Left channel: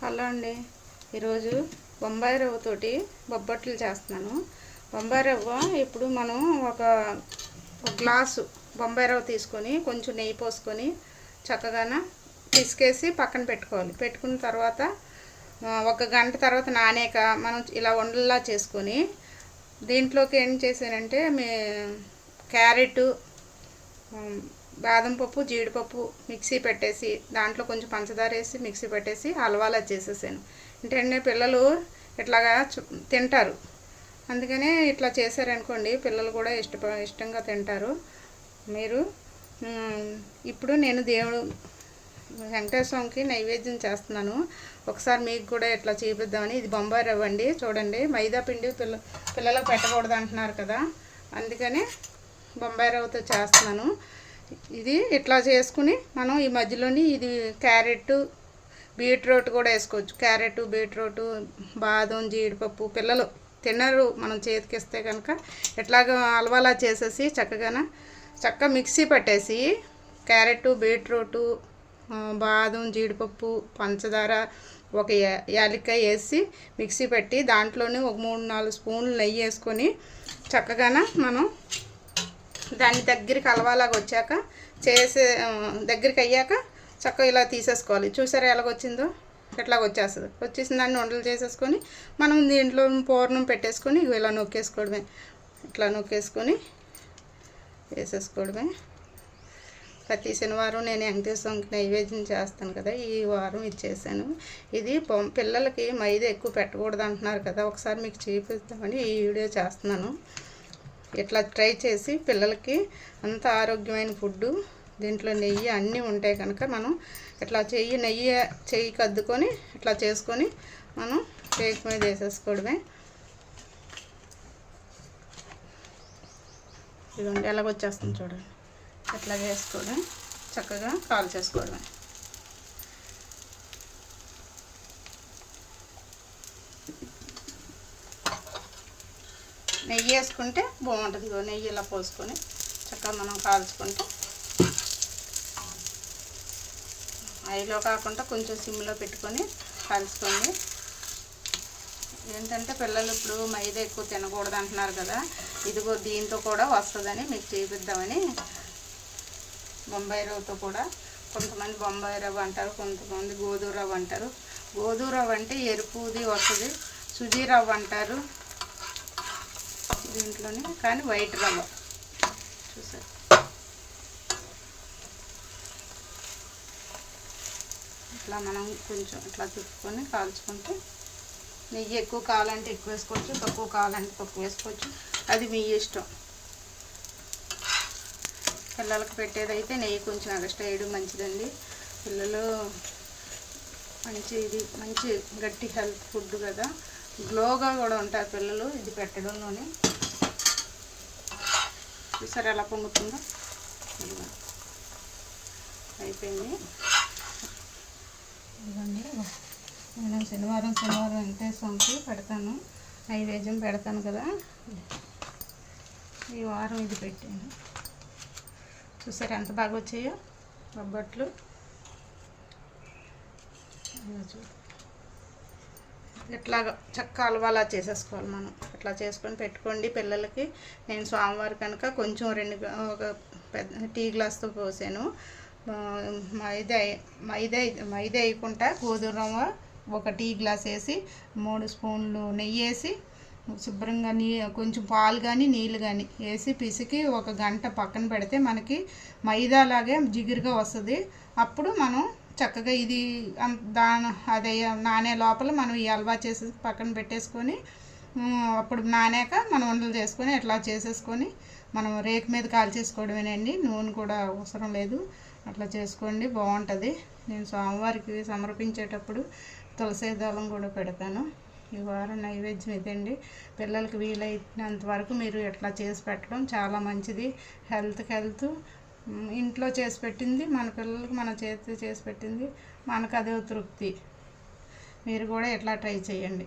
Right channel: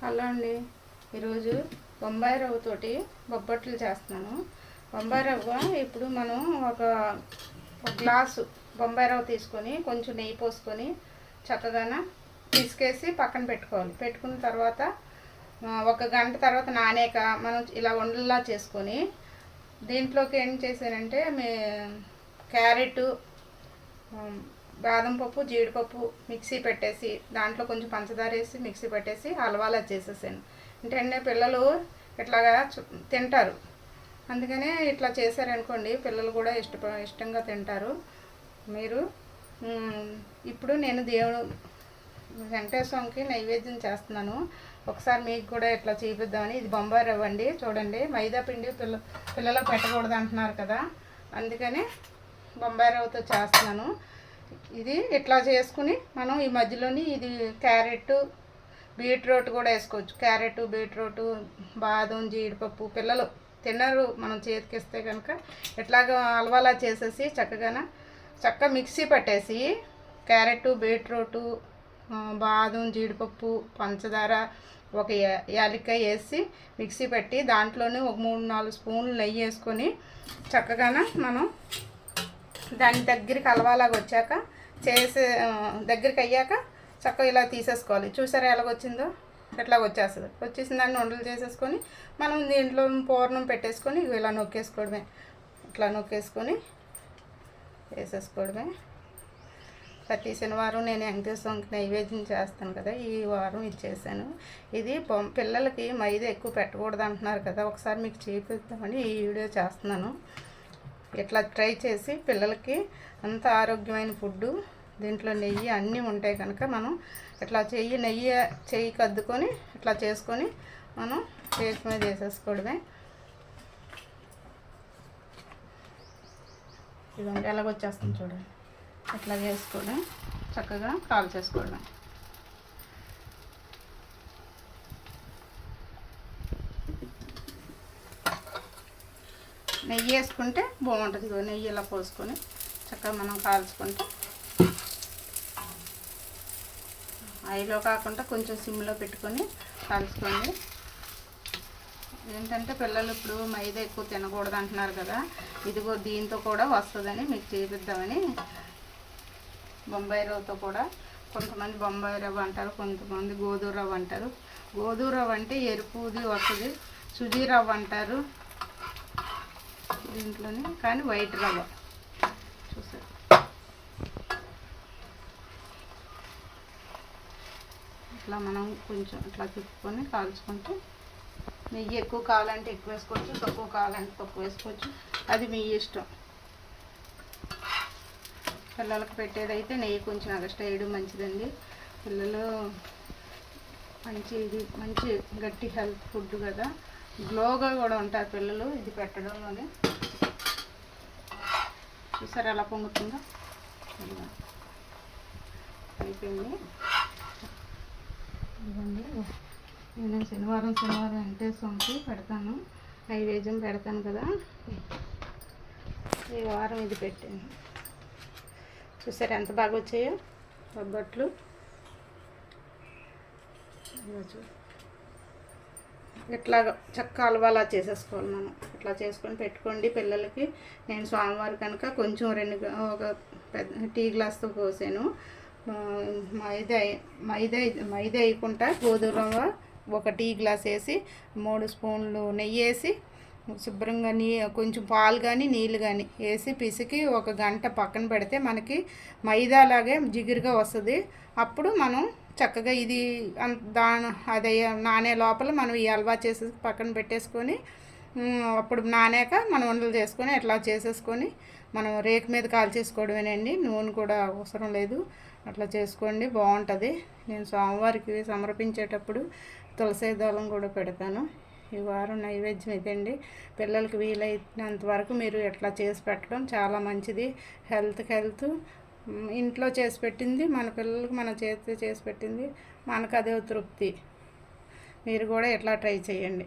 Hello అండి, ఈరోజు బొంబాయి రవ్వతోటి బొబ్బట్లు చేస్తున్నాను. బొంబాయి రవ్వ ఇప్పుడు మనం ఒక గ్లాసు బొంబాయి రవ్వ తీసుకొని కొంచెం నెయ్యి పోసుకొని చక్కగా పిసికేసి పక్కన పెట్టుకోవాలి. పెట్టుకున్న తర్వాత ఒక గంట తర్వాత నానాక మనం ఇలా ఉండలా చేసుకొని దీంట్లోకి ఏం చేశానంటే క్యారెట్, బాదం పప్పు, జీడిపప్పు మిక్సీ పెట్టేసి దాంట్లో కొంచెం పంచదార వేసి మిక్సీ పెట్టేసి హల్వాలా చేసేసాను. అంటే పిల్లలు ఇట్లాగా తింటారు, అందుకనే ఇట్లా చేశారనుకోండి పిల్లలు కూడా ఇష్టంగా తింటారు. మీరు ఇప్పుడు నేను దేవుడు వెంకటేశ్వర స్వామికి నైవేద్యం చేస్తున్నాను. ఒకసారి మీకు కూడా ఇట్లా చూపిద్దామని. ఇది బొంబాయి రవ్వ అండి, చూడండి. మైదా పిండి పిల్లలు పెట్టకూడదు అంటున్నారు కదా, అందుకని బొంబాయి రవ్వతో చేస్తున్నాను. ఇది ఇట్లా చేసుకుని మనం ఈ మధ్యలోని ఇది క్యారెట్, బీట్రూట్ కూడా వేసుకోవచ్చు. క్యారెట్, బీట్రూట్, బాదం, జీడిపప్పు పిల్లలు తిన్నారు మనం చేతికిస్తే కనుక ఇట్లాగ హల్వాలా చేసేసి చక్కగా మిక్సీ పట్టేసి క్యారెట్, బీట్రూట్, బాదం, జీడిపప్పు, పంచదార, ఒక యాలక్కాయ వేసి మిక్సీ పెట్టి దాంట్లోనే ఒక 3-4 స్పూన్లు నెయ్యి వేసుకొని చక్కగా మనం దాని దగ్గరికి హల్వాలాగా వచ్చాక దగ్గరికి అయ్యాక చక్కగా ఇలా తీసేసుకోవాలి. చూసారా ఎలాగొచ్చిందో? ఎట్లాగ వచ్చేసిన దాన్ని ఉండలు చేసేసుకొని మనం దీంట్లో పూర్ణం పెట్టేసుకొని ఇలా నొక్కేసుకోవడమే. ఇట్లా నొక్కేసుకొని వేసేసుకోవడమే. ప్రతి శనివారం నేను వెంకటేశ్వరంకి నైవేద్యం చేస్తాను కదా, ఈ వారం ఇచ్చేసాను. ఇది పిల్లలకి మైదా ఎక్కువ పెట్టకూడదు అంటున్నారు కదా, ఒకసారి మీకు చూపిస్తామని ఈ వీడియో చేస్తున్నాను. ఇట్లా ట్రై చేసి పిల్లలకి అంత ఆరోగ్యమైన ఫుడ్డు, దీంట్లో నెయ్యి అన్నీ ఉంటాయి కనుక మనం ఇట్లా నెయ్యి కద్దుకొని ఇట్లా చేసుకొని మనం కేక్ మీద వేసేసుకోవడమే. ఇదండి ఎలాగొచ్చేస్తుంది చూడండి. ఇట్లా వేసుకోవడం, చక్కగా కాల్ చేసుకోవడం. నెయ్యి వేసుకుంటే బాగుంటుంది. నెయ్యి ఇలా పోసుకొని చక్కగా మనం కాల్చుకుంటే, హైలో కాకుండా కొంచెం సిమ్లో పెట్టుకొని కాల్చుకోండి. ఏంటంటే పిల్లలు ఇప్పుడు మైదా ఎక్కువ తినకూడదు అంటున్నారు కదా, ఇదిగో దీంతో కూడా వస్తుందని మీకు చూపిద్దామని. బొంబాయి రవ్వతో కూడా, కొంతమంది బొంబాయి రవ్వ అంటారు, కొంతమంది గోధుమ రవ్వ అంటారు. గోధుమ రవ్వ అంటే ఎరుపుది వస్తుంది, సుజీ రవ్వ అంటారు దీంట్లోనే, కానీ వైట్ రవ్వ. చూసారు, ఇట్లా మనం కొంచెం ఇట్లా తిప్పుకొని కాల్చుకుంటే, నెయ్యి ఎక్కువ కావాలంటే ఎక్కువ వేసుకోవచ్చు, తక్కువ కావాలంటే తక్కువ వేసుకోవచ్చు, అది మీ ఇష్టం. పిల్లలకి పెట్టేదైతే నెయ్యి కొంచెం ఎక్స్ట్రా వేయడం మంచిదండి. పిల్లలు మంచి గట్టి హెల్త్ ఫుడ్ కదా, గ్లోగా కూడా ఉంటారు పిల్లలు ఇది పెట్టడంలోనే. చూసారు ఎలా పొంగుతుందో? అయిపోయింది. ఇదిగోండి, నేను శనివారం వెంకటేశ్వర స్వామికి పెడతాను, నైవేద్యం పెడతాను కదా, ఈ వారం ఇది పెట్టాను. చూసారు ఎంత బాగా వచ్చాయో బొబ్బట్లు. ఇట్లాగ చక్క హల్వాలా చేసేసుకోవాలి మనం. ఇట్లా చేసుకొని పెట్టుకోండి పిల్లలకి. నేను స్వామివారి కనుక కొంచెం ఒక పెద్ద టీ గ్లాస్తో పోసాను. మైదా వేయకుండా గోధుమ రవ్వ ఒక టీ గ్లాస్ వేసి 3 స్పూన్లు నెయ్యి వేసి శుభ్రంగా కొంచెం పాలు కానీ నీళ్ళు కానీ వేసి పిసికి ఒక గంట పక్కన పెడితే మనకి మైదాలాగే జిగురుగా వస్తుంది. అప్పుడు మనం చక్కగా ఇది అదే నానే లోపల మనం ఈ హల్వా చేసి పక్కన పెట్టేసుకొని, అప్పుడు నానాక మనం ఉండలు చేసుకొని ఇట్లా చేసేసుకొని మనం రేకు మీద కాల్చేసుకోవడమేనండి. నూనె కూడా అవసరం లేదు. అట్లా చేసుకోండి, బాగుంటుంది. నేను స్వామివారికి సమర్పించేటప్పుడు తులసి దళం కూడా పెడతాను. ఈ వారం నైవేద్యం ఇదండి. పిల్లలకి వీలైనంత వరకు మీరు ఎట్లా చేసి పెట్టడం చాలా మంచిది. హెల్త్ ఇంట్లో చేసి పెట్టింది మన పిల్లలకి మన చేతి చేసి పెట్టింది మనకు అదే తృప్తి. మీరు కూడా ఎట్లా ట్రై చేయండి.